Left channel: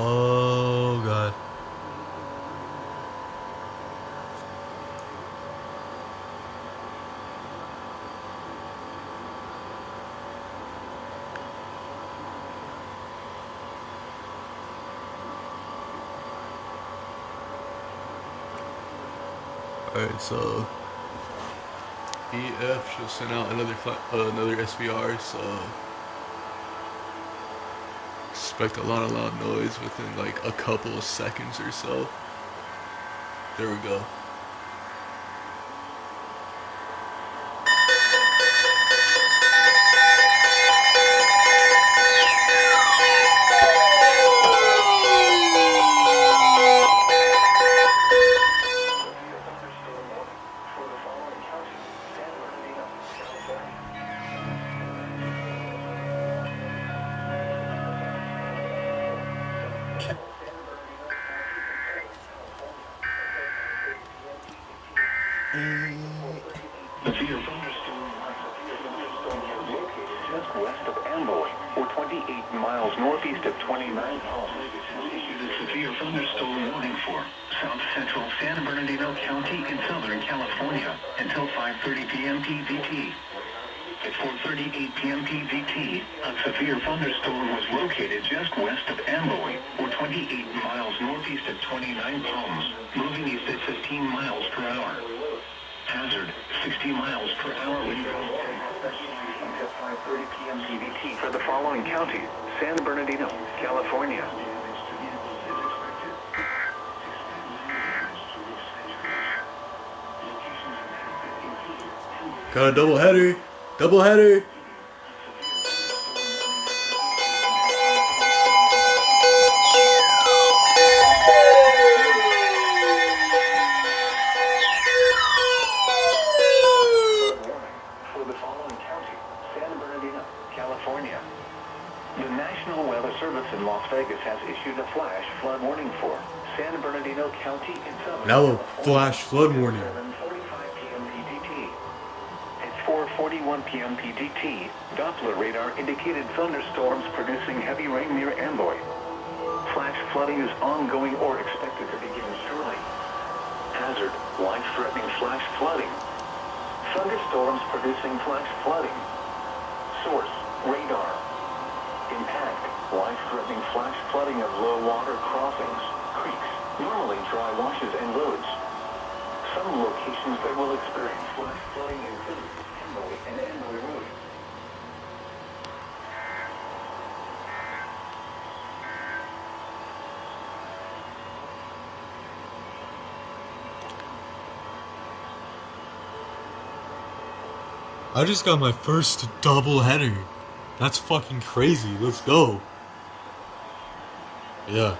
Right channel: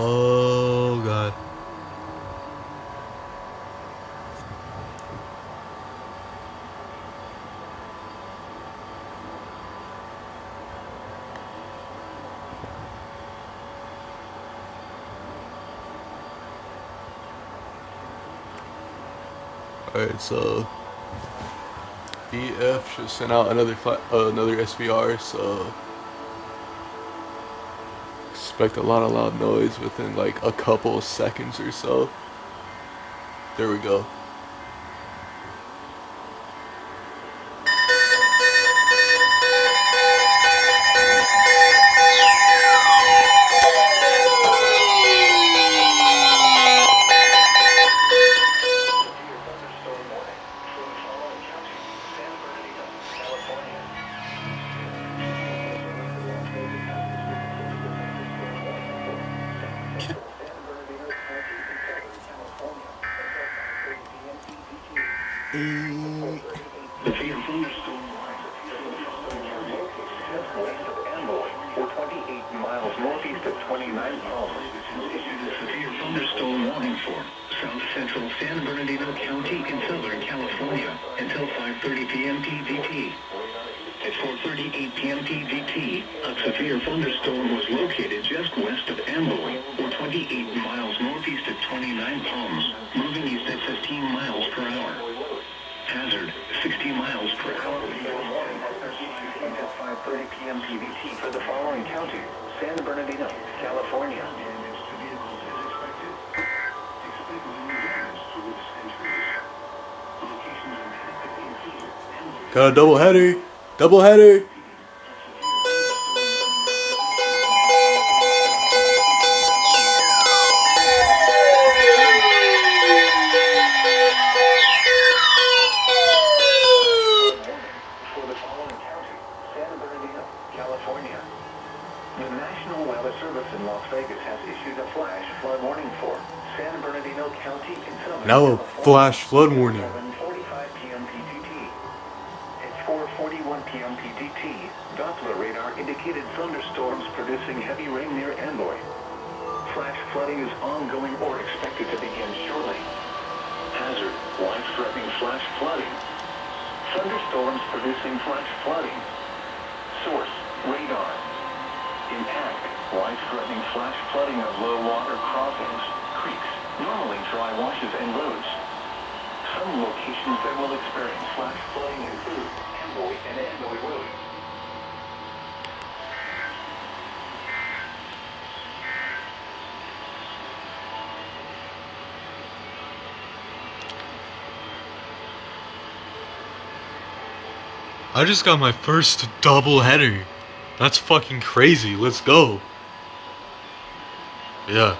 Oh god. Alright, so EF just sent out another SVR, so expect a lot of loud noise within like a couple of seconds or so. There we go. West of Amboy, or 28 miles northeast of 29 miles. Issued a severe thunderstorm warning for south central San Bernardino County in Southern California until 5:30 p.m. PDT. At 4:38 p.m. PDT, a severe thunderstorm was located just west of Amboy, or 28 miles northeast of 29 Palms, moving east at 15 miles per hour. Hazard, 60 miles per hour. Until 5:30 p.m. PDT for the following counties: San Bernardino, California. Got a double header. Double header. California. The National Weather Service in Las Vegas has issued a flash flood warning for San Bernardino County in Southern Now a flash flood warning. 7:45 p.m. PDT. At 4:41 p.m. PDT, Doppler radar indicated thunderstorms producing heavy rain near Amboy. Flash flooding is ongoing or expected to begin shortly. Hazard, life-threatening flash flooding. Thunderstorms producing flash flooding. Source, radar. Impact, life-threatening flash flooding of low water crossings, creeks, normally dry washes and roads. Some locations that will experience flash flooding include Amboy and Amboy Road. I just got my first double header. That's fucking crazy. Let's go. Yeah.